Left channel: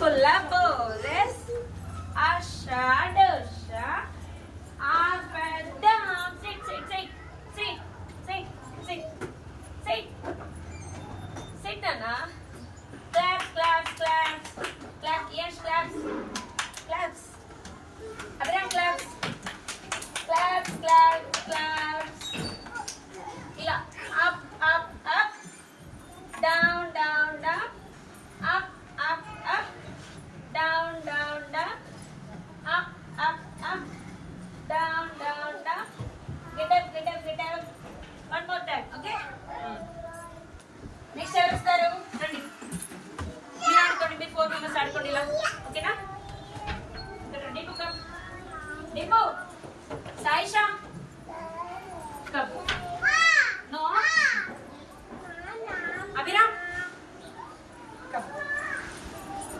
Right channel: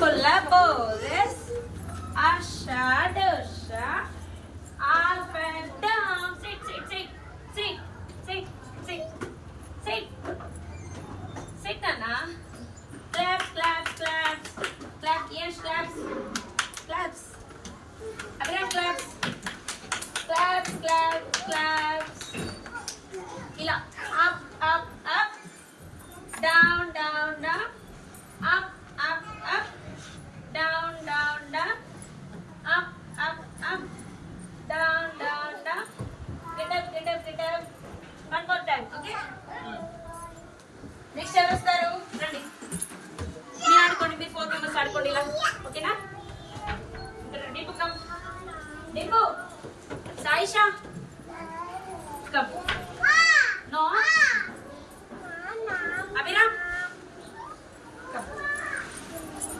Collaborate. Asha, Dosha. Up and down. Sit. Sit, Nana. Clap. Yes, claps. Abraham, claps. Clap.